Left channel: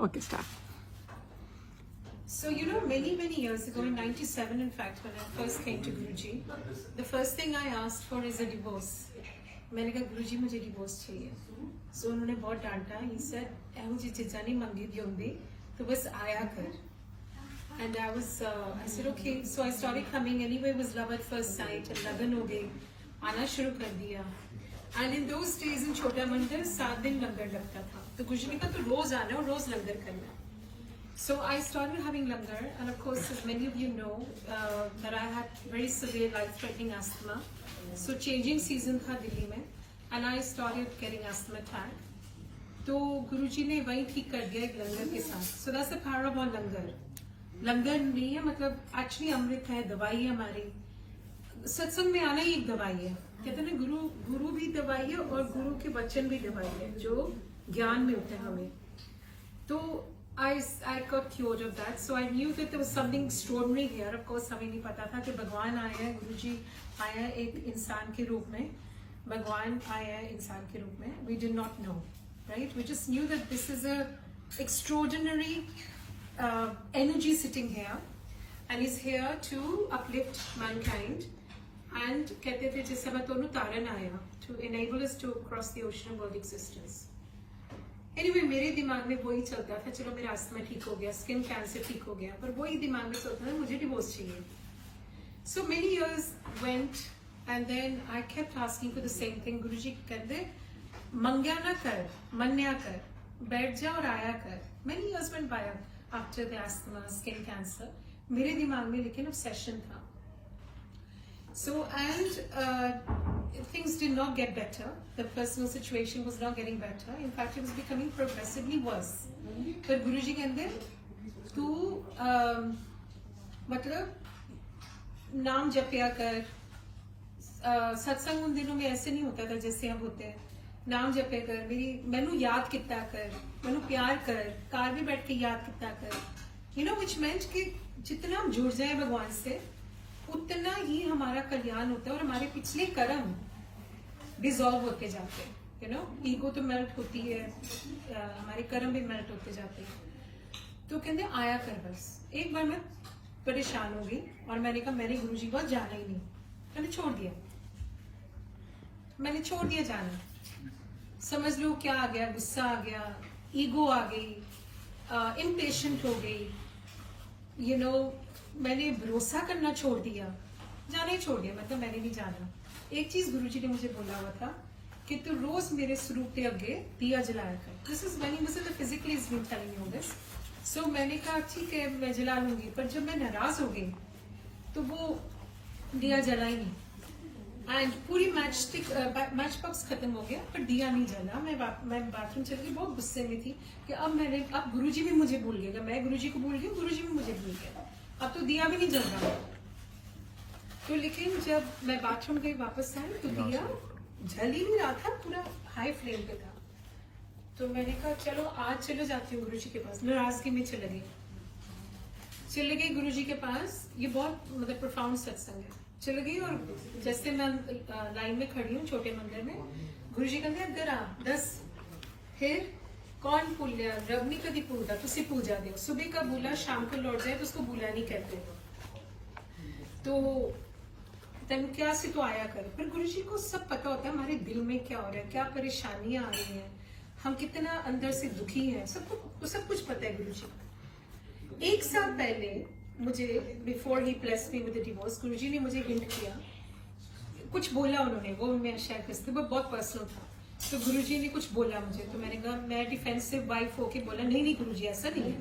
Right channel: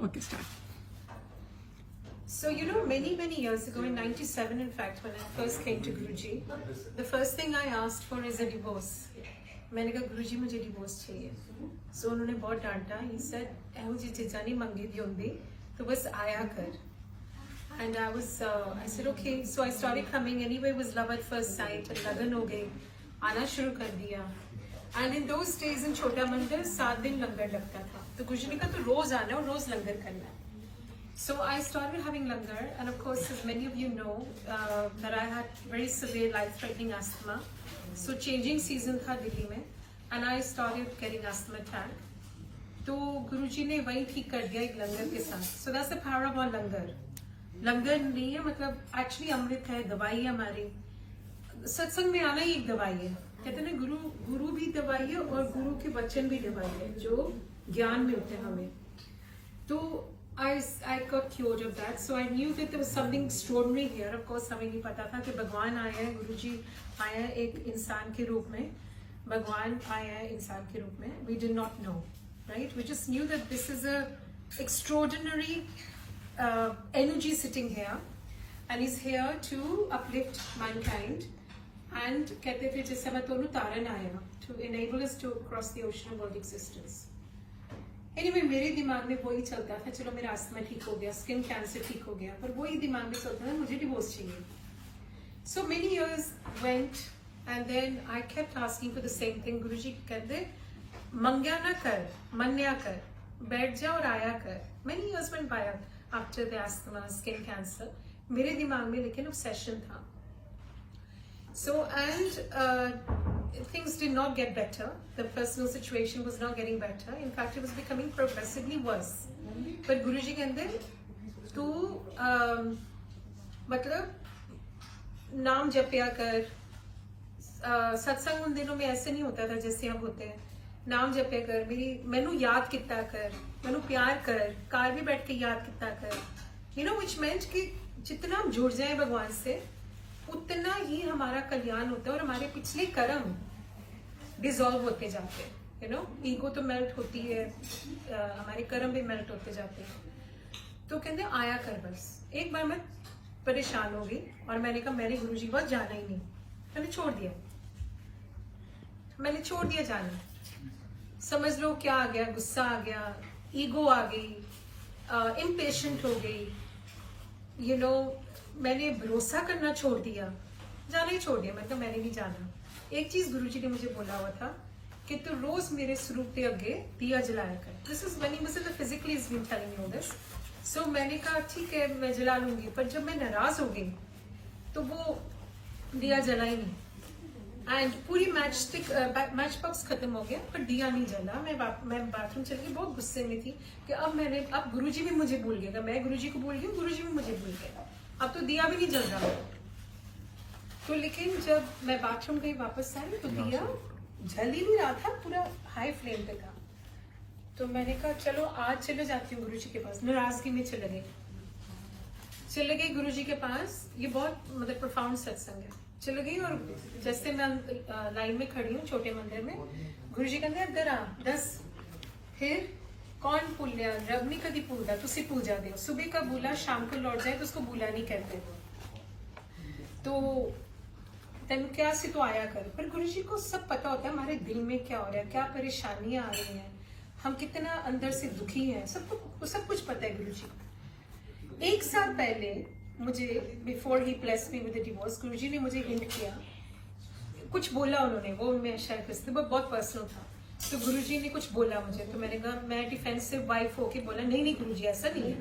Okay, start. So, many years ago, in 97, in fact, when I first came to Guruji, the first thing I asked for is a divorce. मैंने कहा गुरुजी मुझे divorce चाहिए. So उन्होंने बहुत डांटा. He said ऐहो जी चीज़ां नहीं मंगी दी होंदी तो बस आया कर. And I said okay. So I started coming. Anyway, it was love at first sight. लगन हो गई. आना शुरू कर दिया. And in those days in छोटा मंदिर 7 दिन लंगर लगता था. तो गुरुजी ने कहा तो रोज आना और रोज लंगर करना. So I started having langar, and of course, as many of you know, that I had very severe life-threatening asthma. So changing season था दिल्ली में, and I started getting asthma attack. तो गुरुजी ने वही ठीक कर दिया एक लंगर के साथ. So that's the power of our langar. लंगर नहीं है मतलब actually अमृत है, दवाई है हमारी. सत्संग में आना ही एक दवाई है. कहते हैं गुरु भी दवाई है और गुरु के वचन भी दवाई है जो ज्ञान मिलते हैं हमें. तो I got cured of that, so I knew that there was something extraordinary here. Of course, हमें नहीं पता था कि भगवान आए हैं, गुरुजी आए हैं एक इंसान के रूप में, भगवान आए हैं इंसान के रूप में. We did not know, right? We just knew that this is a extraordinary energy sitting here, and is here to uplift mankind. And कहते थे जिस समय तो तारण आया to enable us to cross the ocean of world existence. Anyway, मेरे दिमाग में वही चलता था, चलो मेरा अस्थमा ठीक हो गया, स्किन कैंसर ठीक हो गया, पर वही दिमाग में चलता था मुझे डिवोर्स चाहिए. So many years went and then I kept asking for the same thing. गुरुजी कहते मंग्या ना कर, मन्या कर, बैठ जा और आया कर. Many years went by after the asthma, skin cancer. मेरे दिमाग में लेकिन obsession था. So things did not get better. The personal situation was not getting better. In fact, it was becoming progressively worse. But Guruji कहते तू मतलब नाम जपया कर. सत्संग उन दिनों में ऐसे नहीं होता था जैसे अब होते हैं. नाम जपया कर, मैनू याद किता कर, मैनू प्यार कर, कार भी बैठ के याद किता कर. Which meant कि जितना हम जुड़ जाए भगवान से उतना ही हमारा कल्याण होता है और हमारे पिछले कर्म डिसॉल्व होते जाते हैं. ईगो तो मेल्ट होती है, हमारे कर्म भी मेल्ट होते जाते हैं. तो कहते आया कर बस. एक बार मैं परेशान हो गई और मैंने कहा मैंने गुरुजी के पास जाना ही नहीं. मैंने छोड़ दिया जाना. समझ लो क्या आ गया, गुस्सा आ गया, ईगो आ गई, इम्पेशेंट हो गई. मैंने भरोसा करना छोड़ दिया, जाना ही छोड़ दिया. मतलब मैंने नहीं जाना. एक चीज गुरुजी ने मुझे बोला हुआ था कि तू रोज मेरे स्वरूप के आगे दिया जलाया कर. This is when he was physically is been telling you this. So मैंने कहा ठीक है मैं जला लूंगी. पर जब मैं नाराज हो गई तो वो दिया जला ही नहीं. एंड पूरी मैच बॉक्स खत्म हो गया पर दिया नहीं जला. मैं बाथरूम चली गई, बहुत गुस्से में थी कि अब गुरुजी भी मुझे भूल गएगा. मैं गुरुजी को भूल गई, गुरुजी भी मुझे भूल गए. अब तो दिया भी नहीं जल रहा. तो लेकिन जब मैं बाथरूम गई वापस आई तो दिया जल ही नहीं रहा था, पूरा हाई फ्लेम पे था. तो मैंने कहा चलो आज चले जाती हूँ गुरुजी के पास. नाराजगी में चले गई गुरुजी के पास. ये बहुत मतलब प्रोफाउंड सत्संग है. चले गई और जैसे मैं लाइन में खड़ी हूँ छोटे मंदिर में, गुरुजी कहते अंदर आ दस. फिर कौन भूलिया, रब नहीं कभी भूलता, तुसी पूजा दे. सुबह का भूला शाम को लौट जाए तो उसको भूला नहीं कहते. तो तेन क्या से तो आया कर. पर गुरुजी को सब पता होता है हमारे दिल में क्या हो रहा है, क्या परेशानियां आ रही हैं, हम कितना अंदर से दुखी हैं, सब कुछ पता है गुरुजी. 1 साल पहले मुझे before he blessed me with the divorce, Guruji ने मुझे हिंट किया, कुछ बोला उन्होंने, वो मैं शायद वो बहुत पर्सनल था. तो गुरुजी ने कुछ बोला मुझे तो मैंने कहा, मैं डिफेंसिव वाइफ होके बोला नहीं गुरुजी ऐसा नहीं,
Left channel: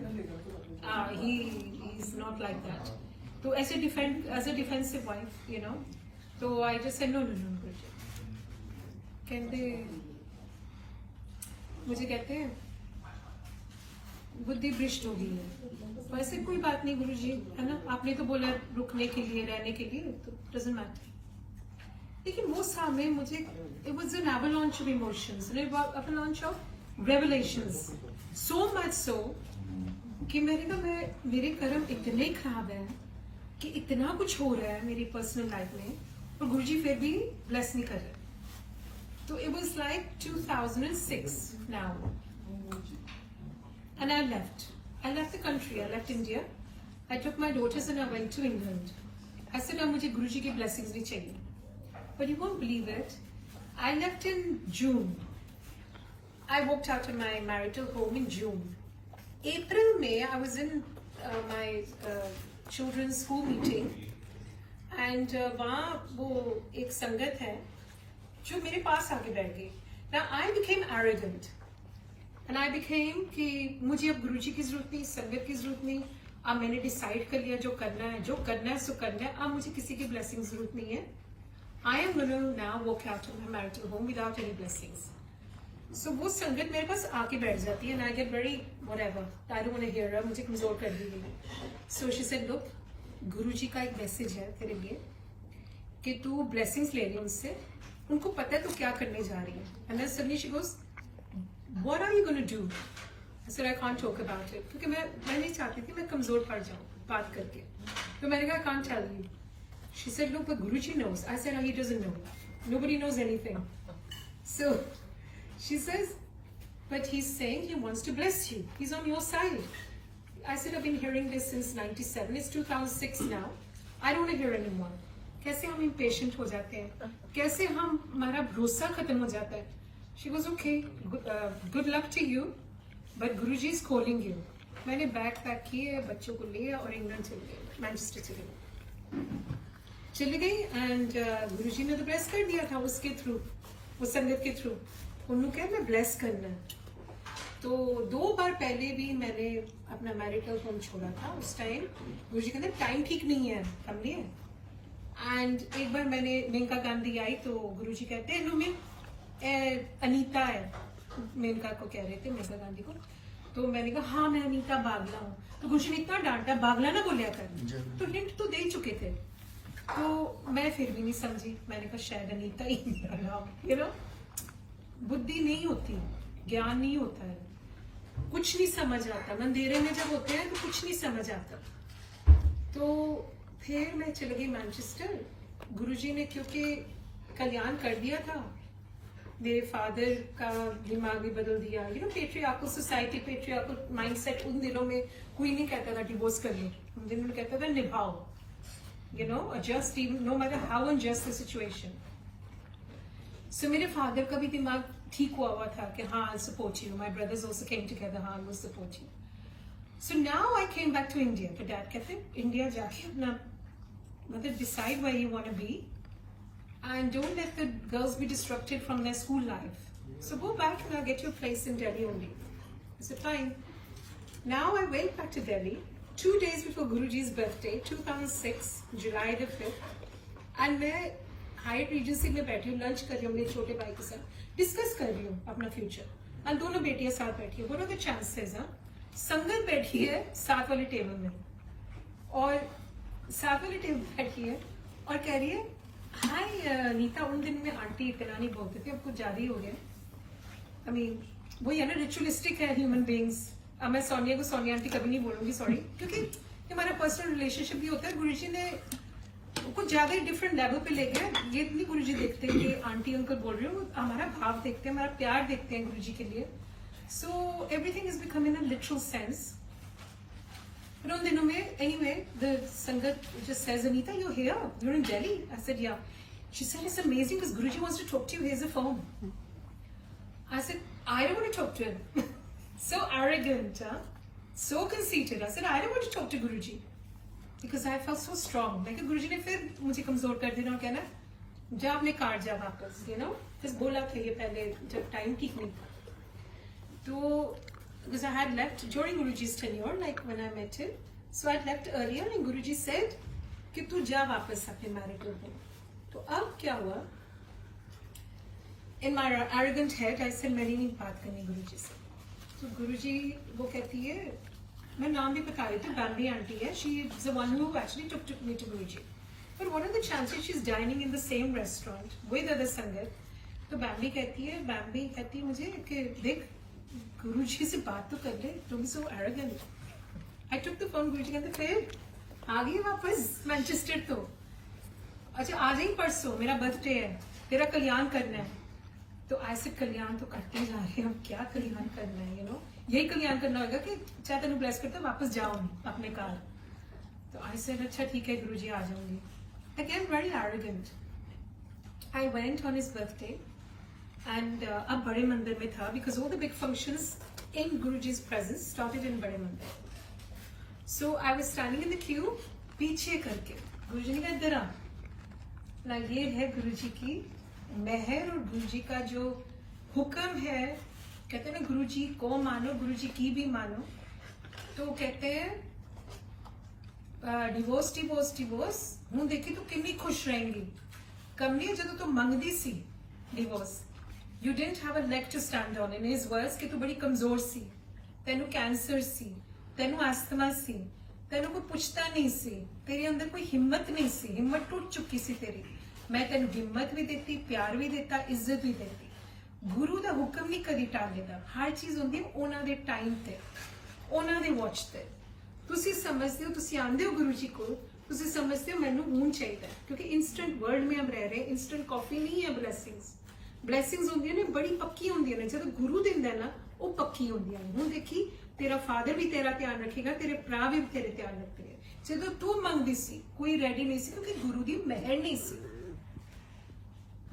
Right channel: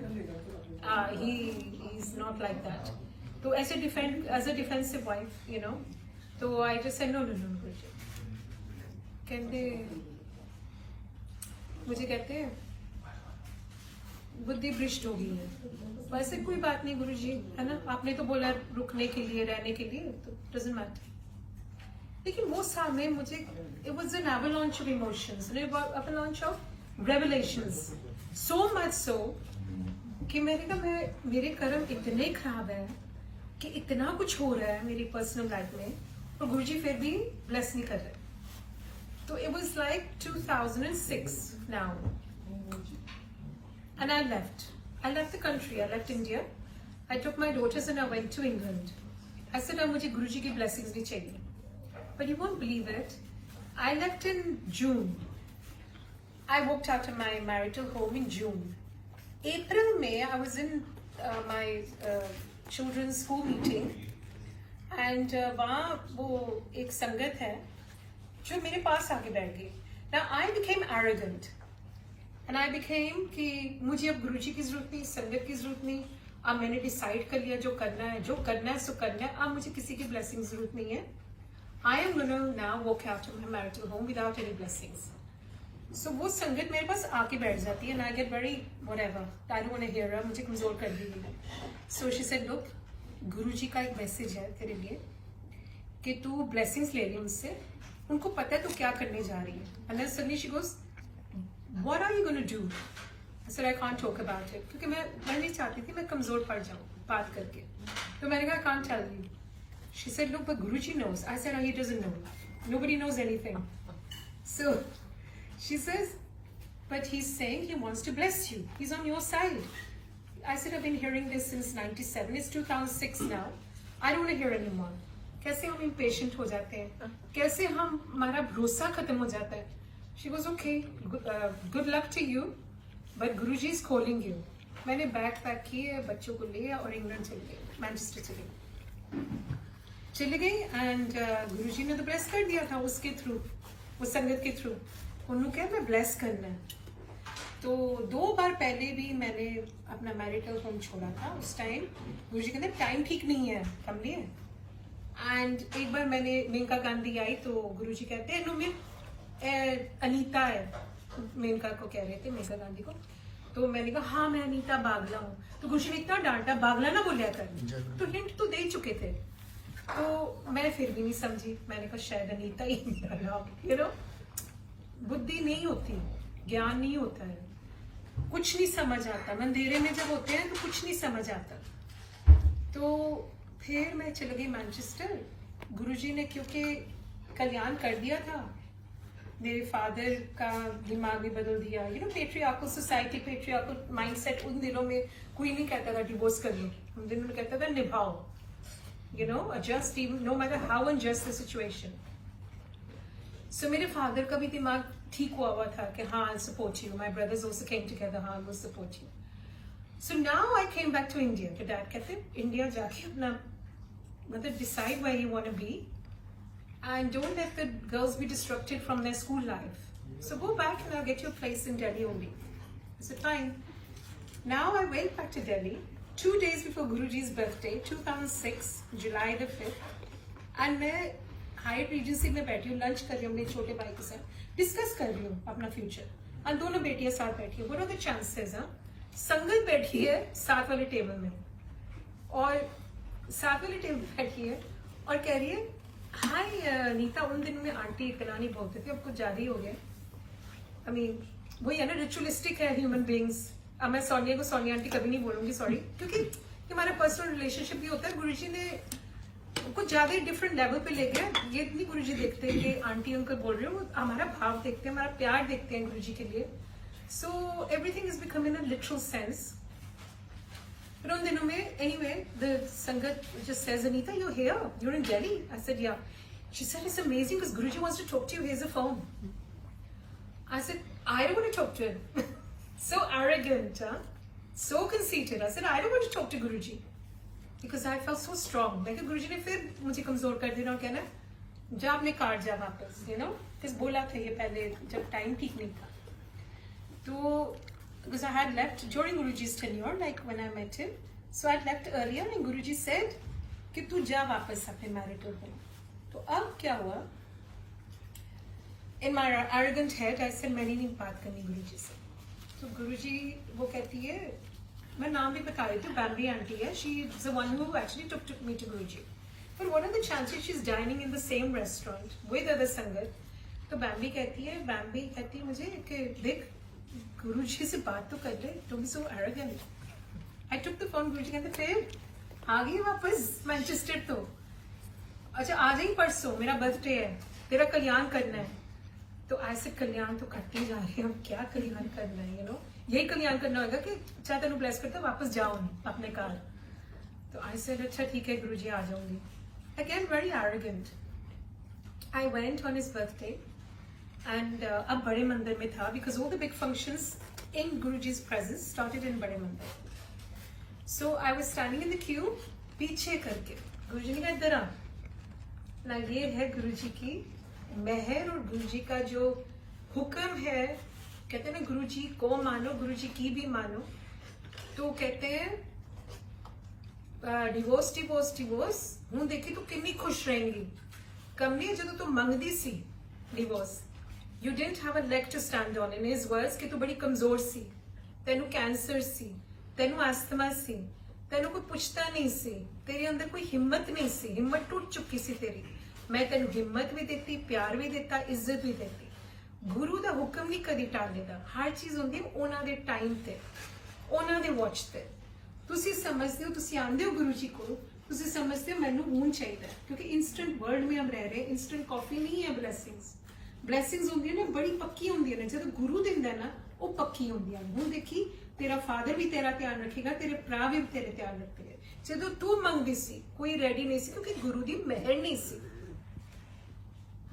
he is not like that. तो ऐसे एज अ डिफेंसिव वाइफ तो आई जस्ट सेड नो गुरुजी. कहते मुझे कहते बुद्धि भ्रष्ट हो गई है. वैसे कोई बात नहीं गुरुजी, है ना, आपने तो बोला रुकने के लिए, रहने के लिए, तो डजंट मैटर. लेकिन वो सामने मुझे it was an avalanche of emotions, an avalanche of revelations, so much so कि मेरे कर्म इतने खराब हैं कि इतना कुछ हो रहा है मेरी पर्सनल लाइफ में और गुरुजी फिर भी ब्लेस नहीं कर रहे. तो it was like 2006 now. and I left the country, I left India. I took my daughters and I went to England. I said, अब मुझे गुरुजी की blessings भी चाहिए. But you won't believe it. I left in June. I walked out of my marital home in June. April, May, I was in my children's school meeting. And वहाँ वो एक संगत है जो मेरे पास आके बैठ गई. Now I became arrogant. And I became कि मुझे अब गुरुजी की जरूरत नहीं, संगत की जरूरत नहीं. अब मैंने डिसाइड कर लिया जो करना है सो करना है. अब मुझे किसी की ब्लेसिंग जरूरत नहीं है. I am going to now walk out of my marital home without any blessings. So वो संगत मेरे पास आके बैठ जाती है and I get very whatever. I don't want to hear her. मुझे कमजोर कर दी गई. So she said, look, गुरुजी का एक मैसेज है तेरे लिए कि तू blessings ले ले उनसे. उनको पता है तू क्या करने जा रही है. And then suddenly she goes, what are you going to do? I said, I can't talk about it. क्योंकि मैं नहीं चाहती थी मैं कमजोर पड़ जाऊँ बात करके. तो मैंने कहा, I can't tell you. She said, look, but Guruji knows. I said, oh, he doesn't know. Nobody knows anything. So she says, but he's saying he wants to bless you. He's on your side. I said, I've been hearing this since 97. It's 2006 now. I don't want to hear anymore. कैसे हम impatient हो जाते हैं? कैसे हमारा भरोसा खत्म हो जाता है? She goes, okay, good luck to you, but Guruji is calling you. मैंने बैग पैक किए, बच्चों को लिया और इंग्लैंड चले गए, मैनचेस्टर चली गई एंड गुरुजी ने तो ब्लेस कर दिया था उसके थ्रू, वो संगत के थ्रू. उन्होंने कहा मैं ब्लेस करना है. तो 2 बार पहले भी मैंने अपना मैरिटल होम छोड़ा था. उस टाइम गुरुजी कहते टाइम ठीक नहीं है, कम नहीं है. एंड एक बार मैंने मेनका गांधी आई तो गुरुजी कहते हैं नो मैं अनीता है, मेनका को कह रहे थे, मेनका गांधी को. तो मैंने कहा हाँ मैं अनीता बागला हूँ. तो गुरुजी ने इतना डांटा, बागला ना बोलिया कर. तो हिंट तो दे चुके थे. तो मैं फिर भी नहीं समझी. मैंने कहा शायद अनीता ही मेरा नाम. यू नो, बुद्धि नहीं होती, ज्ञान नहीं होता है, कुछ नहीं समझ आता. अंधेरे में जब होते हैं तो कुछ नहीं समझ आता. तो फिर मैं चली गई मैनचेस्टर. गुरुजी ने क्योंकि कल्याण कर दिया था, मेरे फादर का दिमाग भी बदल दिया. You know, patriarchal society, patriarchal mindset. उन दिनों में कोई नहीं कहता था डिवोर्स कर लो, उन दिनों में कहता था निभाओ. You know, adjust even no matter how unjust the situation. So मेरे father का भी दिमाग ठीक हुआ था कि हाँ I'll support you. My brothers also came together, हाँ we'll support you. So now I came back to India. तो dad कहते India जाके अपना मतलब decide where you want to be and don't let the girls be disrupted from their school life. So go back and I'll get you a place in Delhi only. I said fine. Now I went back to Delhi 2 days before Guruji's birthday, 2006, July the 5th. And मैं height Regency में बैठी हूँ, lunch कर रही हूँ अपने छोटे भाई के साथ, डिस्कस कर रही हूँ अपना फ्यूचर. और दोनों बेटियां साथ बैठी है. What are the chances? संगत बैठी है साथ वाले टेबल में और साथ वाले टेबल बैठी है और कह रही है हाय नीता, उन दिन में आंटी इतना नहीं बोलते थे, अब कुछ ज्यादा ही हो गया. I mean, वही है ना, रिचुअलिस्टिक है ह्यूमन बींग्स. अब मैं सोनिया को सोनिया आंटी कभी नहीं बोलूंगी, सॉरी, क्योंकि हमारा पर्सनल रिलेशनशिप भी होता है. गुरुजी ने कुछ ज्यादा ही डिफरेंट लेवल पे ले गया. ये नहीं गुरुजी देखते कि आंटी उनको बोल रहे हो, हमारा भाव देखते हैं, हमारा प्यार देखते हैं गुरुजी के लिए. So everything is become in a literal sense. फिर उन दिनों में anyway the sangat just says Anita you here, you in Delhi. I said yeah. She said it's amazing because Guruji wants to talk to you, here is a phone. I said I don't want to talk to him. So arrogant, so conceited. I said, I don't want to talk to Guruji because I felt so strong. Like Guruji ने फिर मुझे कमजोर कर देना और कहना जा अपने कार जा वापस, you know, किस बोला था ये पहले जब टाइम ठीक नहीं था. तो because I had left during Guruji's tenure, like when I met him, so I had left earlier and Guruji said कि तू जा वापस अपने marital home. तो अब क्या हुआ? In my arrogant head, I said मैंने नहीं बात करनी गुरुजी से. तो गुरुजी वो कहती है, मैं नाम भी बता रही थी, बैम्बी आंटी है. She is the one who actually took me to Guruji. But what are the chances she is dining in the same restaurant with other sangat. तो बैम्बी कहती है मुझे कि देख गुरुजी से बात तो कर ले, don't be so arrogant. I took the phone. Guruji कहते फिर आ गई वापस मैनचेस्टर. तो अच्छा आ जाइए परसों, मेरा बर्थडे है, तेरा कल्याण करना है. तो ऐसे कल्याण तो करते जा रहे हैं, क्या कल्याण करना है, यू नो. यही कल्याण करना होगा कि चाहे तेन ब्लेस करता वापस जाओ अपने घर। तो आई सेड अच्छा ठीक है गुरुजी आ जाऊंगी। Again very arrogant. I went on his birthday and अब बड़े मंदिर में था because all the big functions in Guruji's presence started in बड़े मंदिर। So I was standing in the queue पीछे करके। गुरुजी ने कहा इधर आ ना, ये है गुरुजी की मेहर और गुरुजी का जो हुक्म है। कहते हैं ना गुरुजी को मानो गुरुजी की भी मानो। तो कहते हैं डिवोर्स डिवोर्स डिवोर्स हूं देखी तो किन्नी खुश रहेंगी। कमली जो तो मंगदी सी divorce, you didn't have a leg to stand on. In his words कि तू बड़ी कमजोर सी, तेनू कैंसर सी, तेनू अस्थमा सी, तेनू कोई पुछता नहीं सी, तेरे अंदर कोई हिम्मत नहीं सी, हिम्मत टूट चुकी सी तेरी। मैं तेनू हिम्मत भी देती, प्यार भी देता, इज्जत भी देती। गुरु ਦਾ ਹੁਕਮ ਨਹੀਂ ਕਦੀ ਟਾਲੇਗਾ। ਹਰ ਚੀਜ਼ ਹੁੰਦੀ ਉਹਨਾਂ ਦੇ ਟਾਈਮ ਤੇ, ਉਹਨਾਂ ਦੇ ਵਾਚ ਤੇ। ਤੁਸੀਂ ਸਮਝਦੇ ਹੋ, ਤੁਸੀਂ ਆਂਦੇ ਹੋ ਗੁਰੂ ਜੀ ਕੋਲ, ਤੁਸੀਂ ਸਮਝਦੇ ਹੋ ਮੈਨੂੰ ਹੁਣ ਚਾਹੀਦਾ ਕਿਉਂਕਿ ਇਨਸਟੈਂਟ ਵਰਲਡ में हम रह रहे हैं। ਇਨਸਟੈਂਟ ਕਾਫੀ ਨਹੀਂ ਹੈ। ਬਲੇਸਿੰਗਸ ਹੁੰਦੀਆਂ ਨੇ ਬੜੀ ਪੱਕੀ ਹੁੰਦੀਆਂ ਨੇ। ਜਦੋਂ ਗੁਰੂ ਦਿੰਦਾ ਨਾ ਉਹ ਪੱਕੀ ਹੁੰਦੀਆਂ ਨੇ। ਹੁਣ ਦੇਖੀ ਤੇਰਾ ਫਾਦਰ ਵੀ ਤੇਰਾ ਧਿਆਨ ਰੱਖੇਗਾ, ਤੇਰੇ ਭਰਾ ਵੀ ਤੇਰੇ ਧਿਆਨ ਰੱਖਣਗੇ। ਜਦੋਂ ਤੂੰ ਮੰਗਦੀ ਸੀ ਕੋਈ ਰੈਡੀ ਨਹੀਂ ਸੀ ਕਿਉਂਕਿ ਗੁਰੂ ਦੀ ਮਿਹਰ ਨਹੀਂ ਸੀ।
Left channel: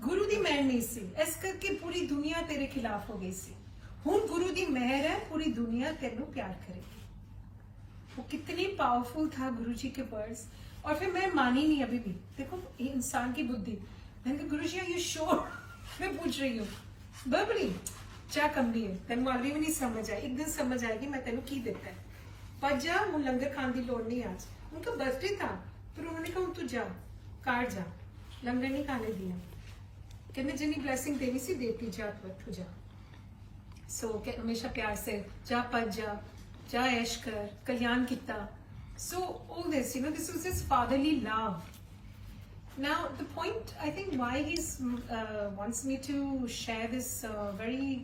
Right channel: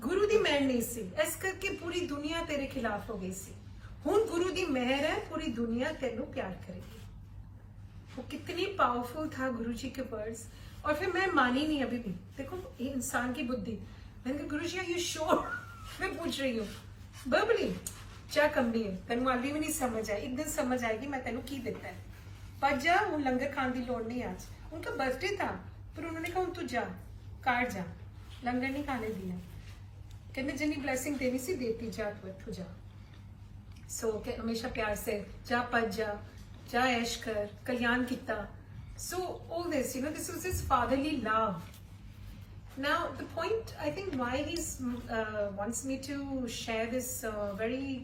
गुरु दी मेहर नहीं सी, इस करके पूरी दुनिया तेरे खिलाफ हो गई सी। हुन गुरु दी मेहर है, पूरी दुनिया तेनू प्यार करेगी। वो कितनी पावरफुल था गुरु जी के वर्ड्स। और फिर मैं मानी नहीं अभी भी। देखो ये इंसान की बुद्धि। मैंने कहा गुरु जी आर यू श्योर? मैं पूछ रही हूँ बबली क्या कमली है, तेनू अभी भी नहीं समझ आई। एक दिन समझ आएगी मैं तेनू की देता है। पर जा हूँ लंगर खाने की लोड़ नहीं। आज उनका बर्थडे था पर उन्होंने कहा तू जा कार जा, लंगर नहीं खाने दिया। कहते जिन्नी ब्लेसिंग देनी सी देती जा, तू जा। सो हमेशा प्यार से जा, पज जा ऐश कर, कल्याण किता। So all this, you know, this was his fatherly love. Now the point I think why he wants me to share this very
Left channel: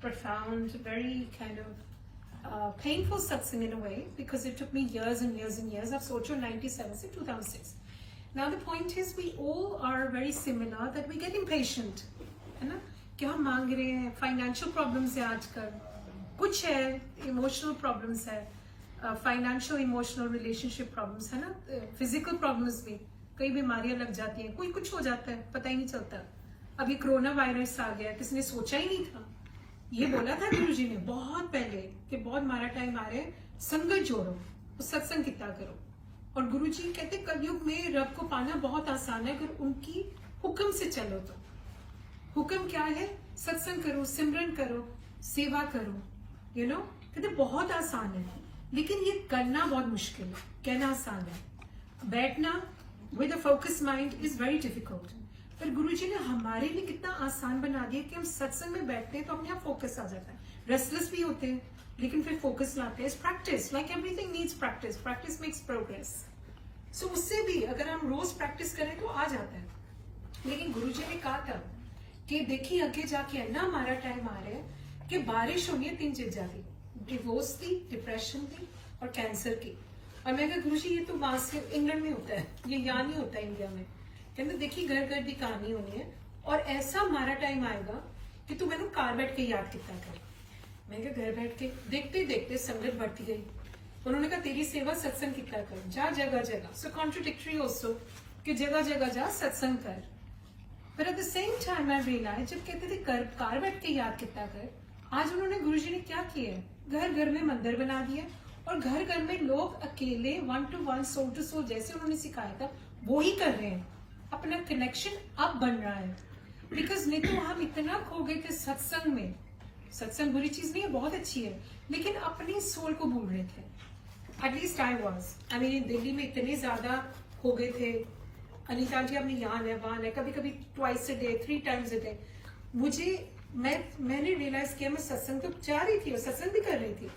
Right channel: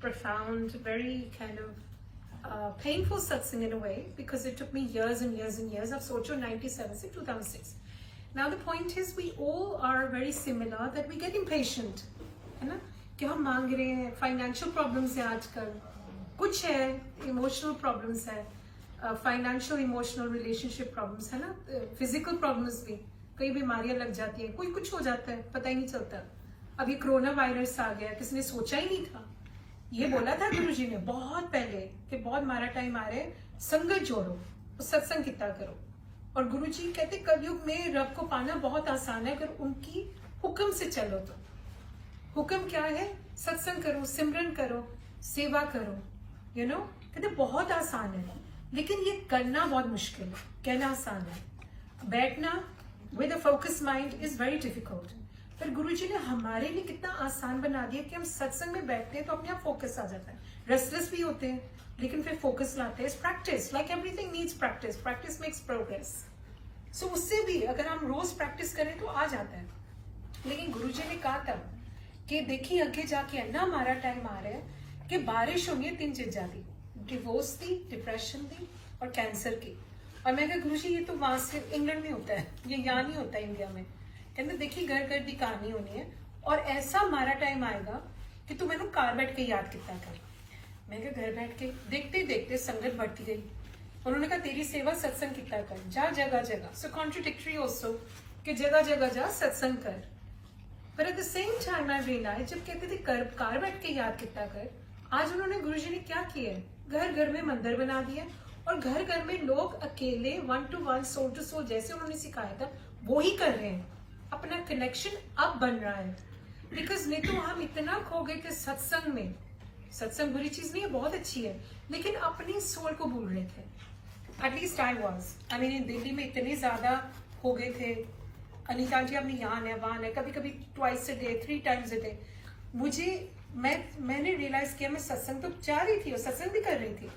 profound, very kind of painful satsang in a way, because it took me years and years and years. I've socho 97 से 2006. Now the point is we all are very similar that we get impatient, है ना? क्या मांग रहे हैं? Financial problems है आजकल, कुछ है इमोशनल प्रॉब्लम्स है, फाइनेंशियल इमोशनल रिलेशनशिप प्रॉब्लम्स है ना, फिजिकल प्रॉब्लम्स भी, कई बीमारियां लग जाती है, कोई कुछ हो जाता है पता ही नहीं चलता। अभी कोरोना वायरस आ गया, किसी ने सोचा ही नहीं था। ये बोला था गुरुजी ने बहुत पहले कि बहुत मारा टाइम आ रहा है, संगत जोड़ो, सत्संग कितना करो। और गुरुजी कहते कलयुग में रब को पाना बहुत आसान है अगर उनकी हुक्म से चलो। तो हुक्म क्या है? सत्संग करो, सिमरन करो, सेवा करो, यू नो। कहते बहुत आसान है लेकिन ये करना बहुत मुश्किल है। कहना आसान है, बैठना with a focus mind is very difficult. पर गुरुजी ने हमारे लिए कितना आसान बना दिया कि हम सत्संग में बैठते हैं तो अपने आप फोकस आ जाता है। रेस्टलेस भी होते हैं लेकिन फिर फोकस लाते हैं। Practice, like everything needs practice, practice makes progress. So उससे भी अगर हम रोज प्रैक्टिस करें तो आ जाता है। लेकिन गुरुजी ने कहा था कि देखिए आगे जाके ना हमारा टाइम आ रहा है कि बारिश होनी है 3 चीजा की, डिवोर्स की, डिप्रेशन की और कैंसर की। और मैं कहा गुरुजी ये तो वहां से इंग्लैंड में होता है, ये यहाँ नहीं होता इंडिया में। कहते देखिए घर घर की कहानी होनी है और ऐसा हमारा टाइम आएगा कि तू मैंने कार बैठ के याद किया कर। मैं कहा घर बैठ के देखते देखते संगत बढ़ती गई। उन्होंने कहा तेरी सेवा सत्संग किया कर, जा जगह जगह। सो कॉन्ट्रोडिक्टरी ऑल्सो कि जगह जगह जा सत्संग कर। पर at the same time I realise जब कहते थे कार बैठ के याद किया कर, आज उन्होंने गुरुजी ने क्या किया है, घर घर में मंदिर बना दिया और घर घर में लोग अकेले 1 to 1 सोल टू सोल जैसे उन्होंने सिखाया था वो ही कर रहे हैं। अपना कनेक्शन अब बन रहा है। बिकॉज नहीं तो हम इतना खो गए थे सत्संग में। सत्संग बुरी चीज नहीं है, बहुत अच्छी है, लेकिन अपनी सोल को भूल रहे थे। At least I was, I mean Delhi में इतने ज्यादा हो गए थे। अनिता जी अपनी यहाँ है वहां है, कभी कभी twice a day, 3 times a day। मुझे मैंने रियलाइज किया मैं सत्संग तो चाह रही थी और सत्संग भी कर रही थी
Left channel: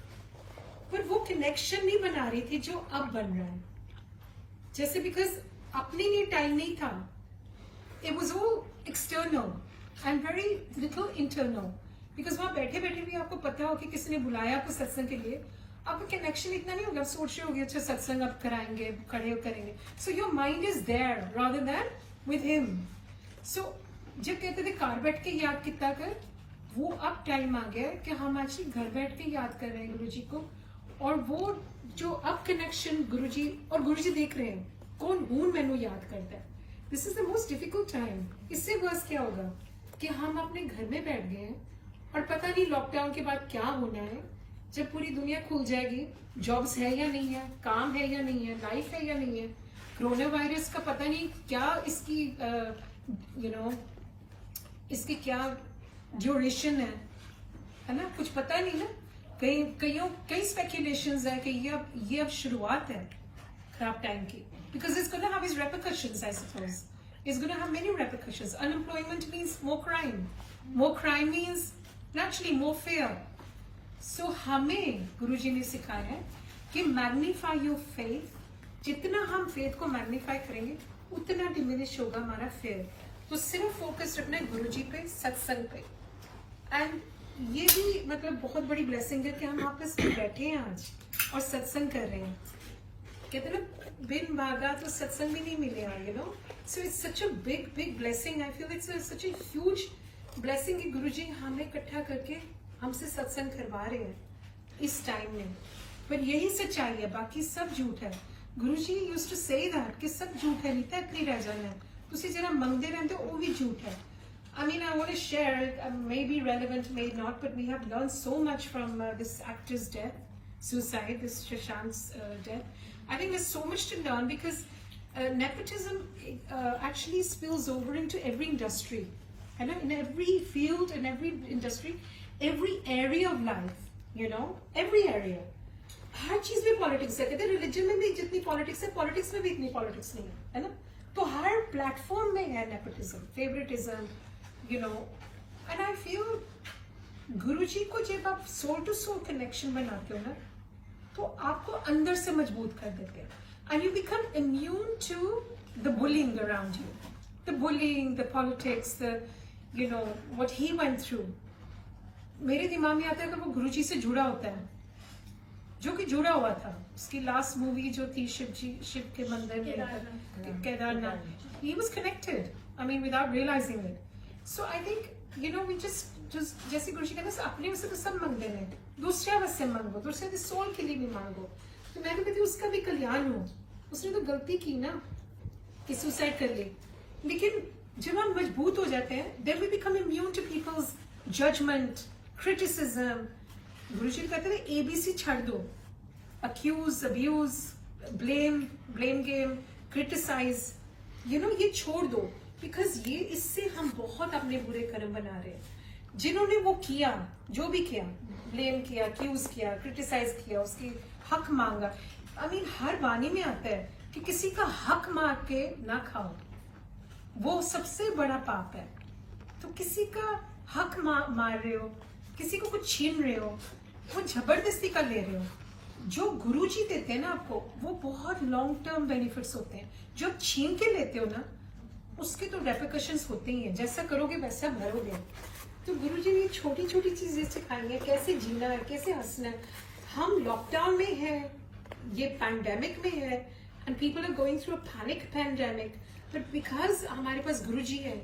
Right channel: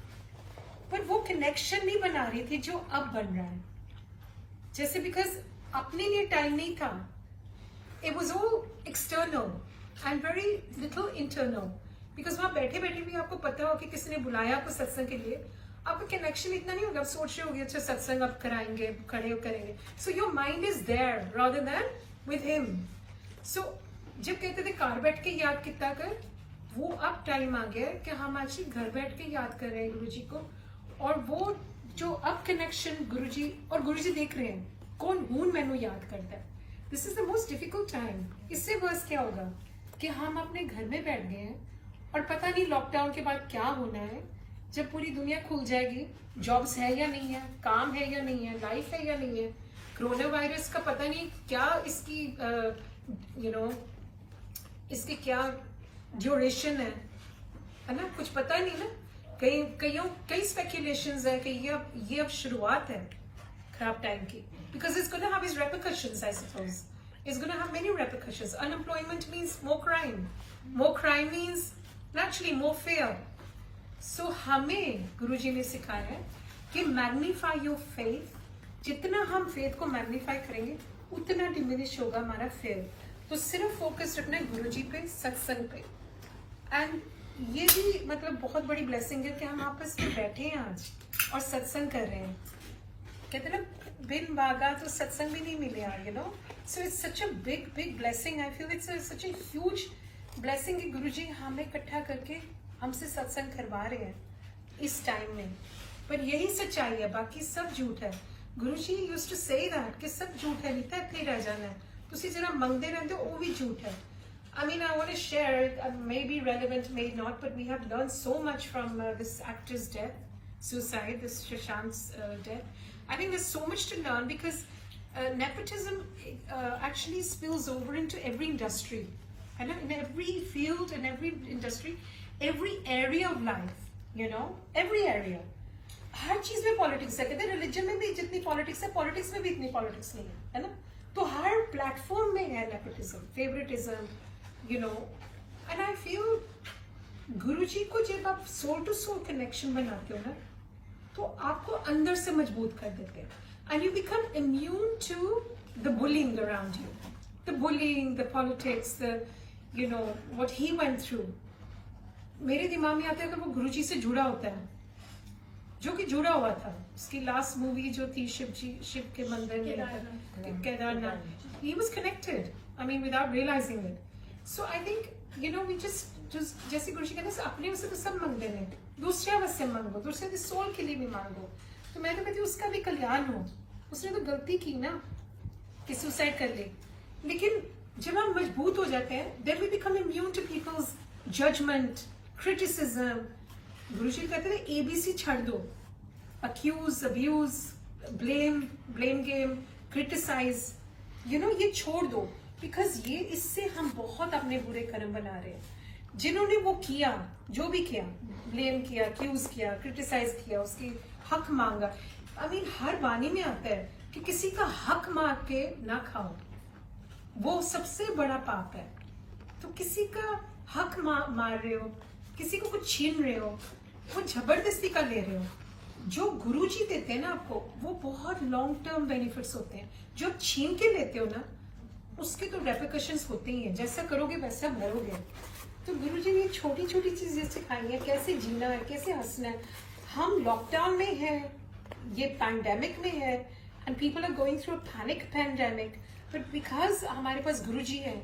पर वो कनेक्शन नहीं बना रही थी जो अब बन रहा है। जैसे बिकॉज अपने लिए टाइम नहीं था, it was all external and very little internal. Because वहां बैठे बैठे भी आपको पता हो कि किसी ने बुलाया आपको सत्संग के लिए, आपका कनेक्शन इतना नहीं होगा। सोच रहे होगे अच्छा सत्संग अब कराएंगे, खड़े करेंगे। So your mind is there rather than with him. So जब कहते थे कार बैठ के याद किया कर, वो अब टाइम आ गया है कि हम एक्चुअली घर बैठ के याद कर रहे हैं गुरुजी को, और वो जो अब कनेक्शन गुरुजी और गुरुजी देख रहे हैं कौन हूं मैनू याद करता है। This is the most difficult time. इससे वर्स क्या होगा कि हम अपने घर में बैठ गए हैं और पता नहीं लॉकडाउन के बाद क्या होना है, जब पूरी दुनिया खुल जाएगी, जॉब्स है या नहीं है, काम है या नहीं है, लाइफ है या नहीं है, कोरोना वायरस का पता नहीं क्या इसकी इसकी क्या ड्यूरेशन है ना, कुछ पता नहीं ना। कई स्पेकुलेशंस है कि ये अब शुरुआत है खराब टाइम की, because it's going to have its repercussions, I suppose. It's going to have many repercussions. Unemployment means more crime. More crime means naturally more fear. So हमें गुरुजी ने सिखाया है कि magnify your faith. जितना हम faith को magnify करेंगे उतना diminish होगा हमारा fear. तो सिर्फ फोकस रखना है गुरुजी पे, सत्संग पे। एंड ये भी मतलब बहुत बड़ी ब्लेसिंग है कि हम आपस में बैठे हैं आज और सत्संग कर रहे हैं। कहते हैं ना बिन मांगा तो सत्संग भी नहीं मिलेगा, you know. So it's such a big blessing. I feel it's such a huge blessing कि गुरुजी हमें इकट्ठा करके हमसे सत्संग करवा रहे हैं इस टाइम में। पर यही सच्चाई है, बाकी सब झूठ है। गुरुजी यूज्ड टू से दैट कि सब झूठ है, नीता इतनी रह जाना है, तुसी जिहड़ा मंगदे रहंदे हो वो भी झूठ है। I mean, I want to share, may be relevant, may not, but we have learned so much from this actor's death, suicide, this Shashank's death. I think there's so much to learn because nepotism actually spills over into every industry. You know, in every field, in every industry, every area of life, you know, every area. हर चीज में politics है। कहते हैं religion में भी जितनी politics है, politics में भी इतनी पॉलिटिक्स नहीं है ना। तो हर प्लेटफॉर्म में है nepotism, favouritism, you know, and I feel गुरुजी को जब आप सोल टू सोल कनेक्शन बनाते हो ना, तो आपको अंदर से मजबूत कर देते हैं, and you become immune to the bullying around you, the bullying, the politics, the you know what he went through. मेरे दिमाग में आता है कि वो गुरुजी से जुड़ा होता है, जो कि जुड़ा हुआ था। उसकी लास्ट मूवी जो थी शिव के मंदिर में कहना, he was connected, I mean without realizing it. So I think, you know, we just जैसे कुछ नहीं, बस अपने से तो सब मांगते हैं, दूसरे से मांगो, दूसरे के सोल के लिए भी मांगो। तो मैंने कहा उसका भी कल्याण हो। उसने तो गलती की ना कि सुसाइड कर ले, लेकिन जब हम मजबूत हो जाते हैं, then we become immune to people's judgment, criticism. गुरुजी कहते हैं ABC छाड़ दो, accuse, abuse, blame game, criticize, you know, ये छोड़ दो, बिकॉज ये इससे हम बहुत अपने बुरे कर्म बना रहे हैं। जिन्होंने वो किया, जो भी किया, ब्लेम किया, एक्यूज किया, क्रिटिसाइज किया, उसकी हक मांगा। आई मीन हर वाणी में आता है कि किसी का हक मार के ना खाओ, वो सबसे बड़ा पाप है। तो किसी का हक मार रहे हो, किसी को कुछ छीन रहे हो, वो जबरदस्ती का ले रहे हो। जो गुरुजी देते हैं ना आपको, वो बहुत लॉन्ग टर्म बेनिफिट्स होते हैं। जो छीन के लेते हो ना, उसके तो रेपरकशंस होते ही हैं, जैसा करोगे वैसा मरोगे। तो गुरुजी ने छोटी छोटी चीजें सिखाई है, कैसे जीना है, कैसे हंसना है। हम लॉकडाउन में हैं, ये पैंडेमिक में है, and people are going through panic pandemic, but because हमारे पास गुरुजी है,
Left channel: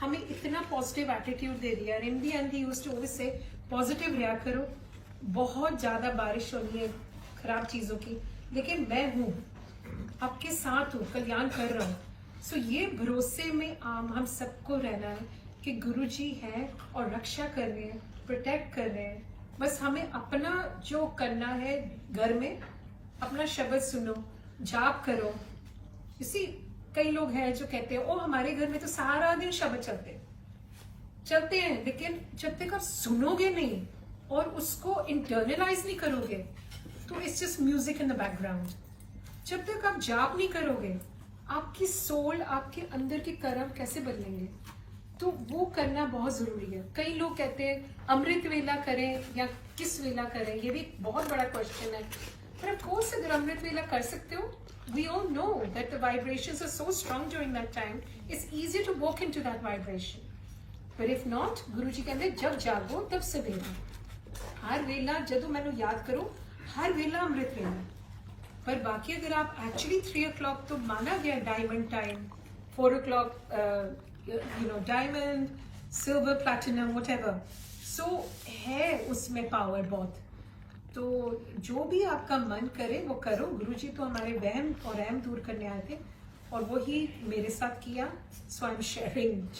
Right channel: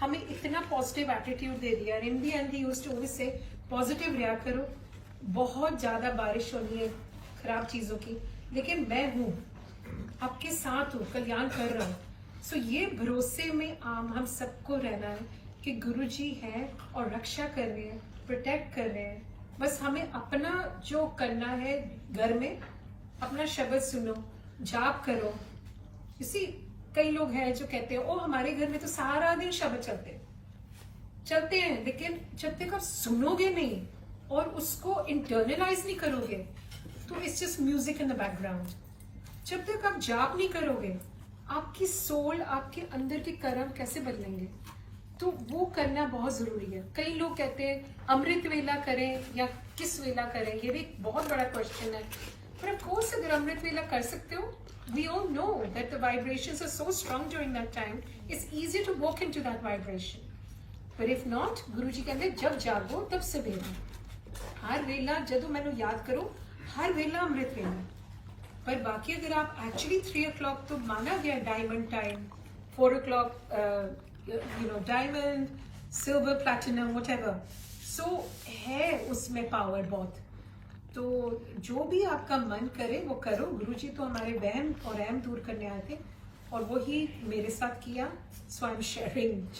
हमें इतना पॉजिटिव एटीट्यूड दे दिया। इन दी एंड यूज्ड टू से पॉजिटिव रहा करो। बहुत ज्यादा बारिश हो रही है खराब चीजों की, लेकिन मैं हूँ, आपके साथ हूँ, कल्याण कर रहा हूँ। सो ये भरोसे में हम सबको रहना है कि गुरुजी है और रक्षा कर रहे हैं, प्रोटेक्ट कर रहे हैं। बस हमें अपना जो करना है घर में, अपना शब्द सुनो, जाप करो। इसी कई लोग हैं जो कहते हैं वो हमारे घर में तो सारा दिन शब्द चलते हैं, लेकिन जब तक आप सुनोगे नहीं और उसको इंटरनलाइज नहीं करोगे, तो it's just music in the background. जब तक आप जाप नहीं करोगे, आपकी सोल, आपके अंदर के कर्म कैसे बदलेंगे? तो वो करना बहुत जरूरी है। कई लोग कहते हैं अमृत वेला करें या किस वेला करें, ये भी बहुत बड़ा क्वेश्चन है। पर ऑफ कोर्स अगर अमृत वेला कर सकते हो, we all know that the vibrations are so strong during that time, it's easier to walk into that vibration. But if not, गुरुजी कहते हैं जब जागो तब सवेरे, हर वेला जब तुम्हें याद करो, हर वेला अमृत वेला। पर बाकी अगर आप एक्चुअली 3 o'clock तो माना गया diamond time, 4 o'clock you know diamond, silver, platinum, whatever, so है उसमें पावर बहुत। तो जो भी आपका मन करे वो करो। गुरुजी तो हमारे वहम और रहम दूर करने आए थे और वही मेरे साथ किया। सो आई एम शेयरिंग।